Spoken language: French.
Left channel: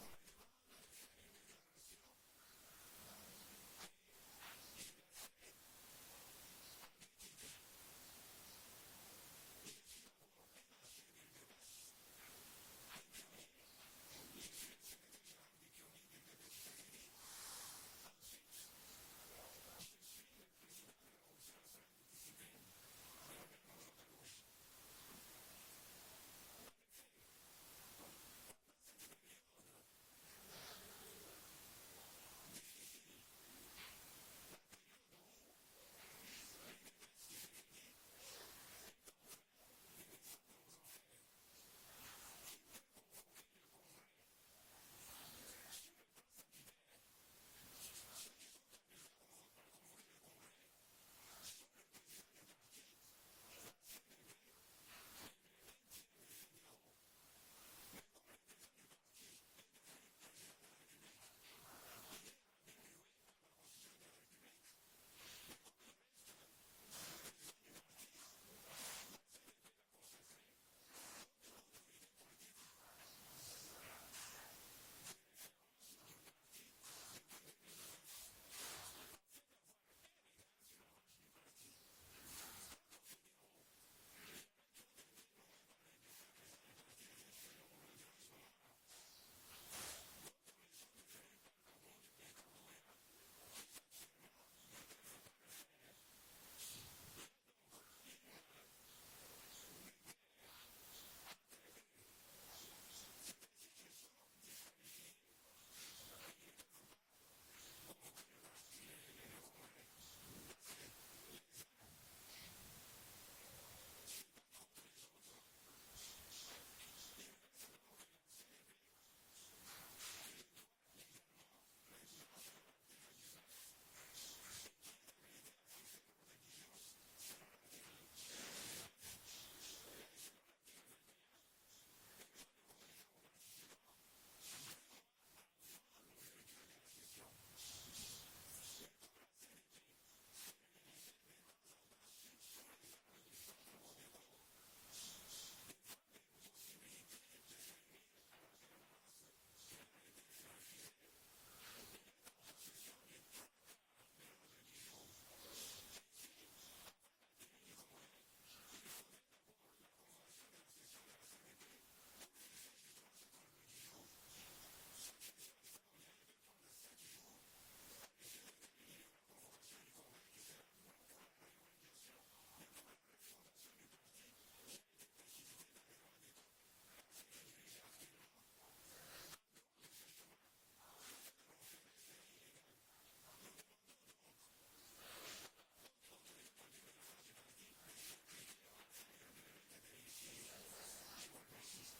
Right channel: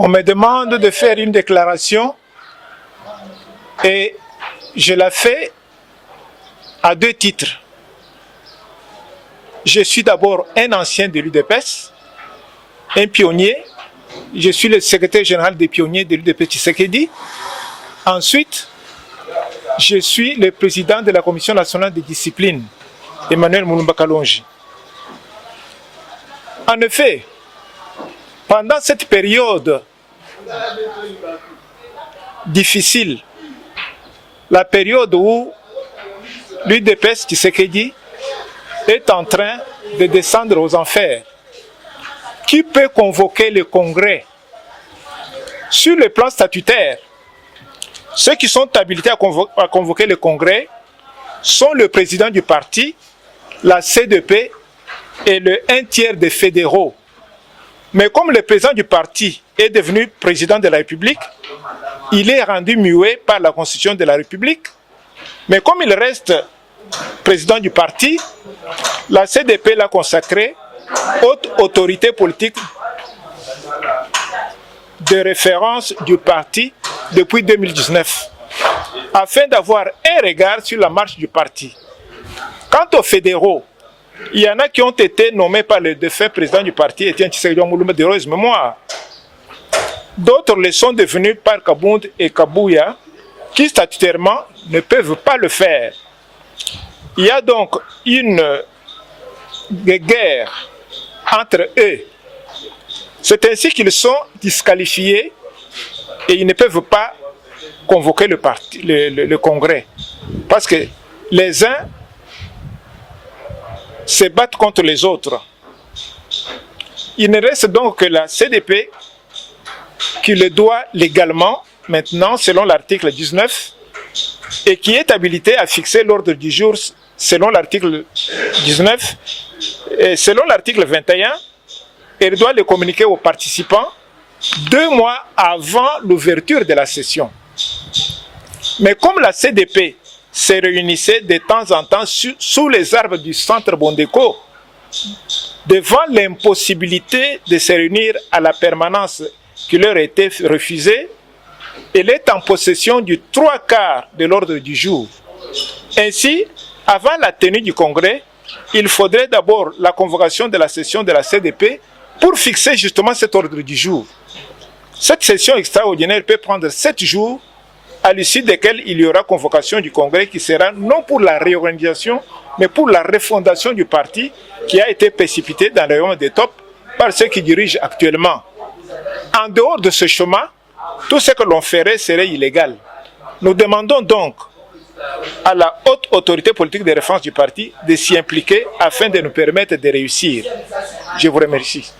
On me demande de faire une déclaration et je la fais à deux titres. Je suis d'abord un ancien de l'UDPS, un pionnier. Je suis le secrétaire général des pionniers de l'UDPS Tshisekedi. Ensuite, je suis le président de la Commission nationale de discipline, Emmanuel Mulumba Kalonji. En effet, pendant cette période difficile, la période où l'UDPS Tshisekedi est en train de descendre aux enfers, qui peut convoquer le Congrès? Sur le plan statutaire, ceux qui sont habilités à convoquer le Congrès sont le président du parti, la CDP et le 1/3 des fédéraux. Mais comme le président du parti est devenu président de la République, il est rendu muet par la Constitution de la République. Mais comme il reste président du parti, la CDP l'a consacré haute autorité politique de référence du parti depuis 2019, afin d'avoir un regard sur la marche du parti. Quant aux fédéraux, il y en a qui ont été nommés par le défunt président du parti, Etienne Tshisekedi Mulumba de heureuse mémoire. D'autres le sont devenus par Kabound et Kabouya, qui statutairement ne peuvent pas le faire. Il y a donc une guerre entre eux. C'est ainsi qu'ils sont disqualifiés et ils ne peuvent pas convoquer le Congrès. Parce que les uns se battent contre les autres. Il ne reste donc que la CDP qui le doit légalement, maintenant, selon l'article 19, et qui est habilité à fixer l'ordre du jour selon l'article 19, et selon l'article 21, elle doit le communiquer aux participants 2 mois avant l'ouverture de la session. Mais comme la CDP se réunissait de temps en temps sous les arbres du centre Bondeko, devant l'impossibilité de se réunir à la permanence qui leur était refusée, elle est en possession du 3/4 de l'ordre du jour. Ainsi, avant la tenue du congrès, il faudrait d'abord la convocation de la session de la CDP pour fixer justement cet ordre du jour. Cette session extraordinaire peut prendre 7 jours, à l'issue desquels il y aura convocation du congrès qui sera non pour la réorganisation, mais pour la refondation du parti qui a été précipité dans le royaume des tops par ceux qui dirigent actuellement. En dehors de ce chemin, tout ce que l'on ferait serait illégal. Nous demandons donc à la haute autorité politique de référence du parti de s'y impliquer afin de nous permettre de réussir. Je vous remercie.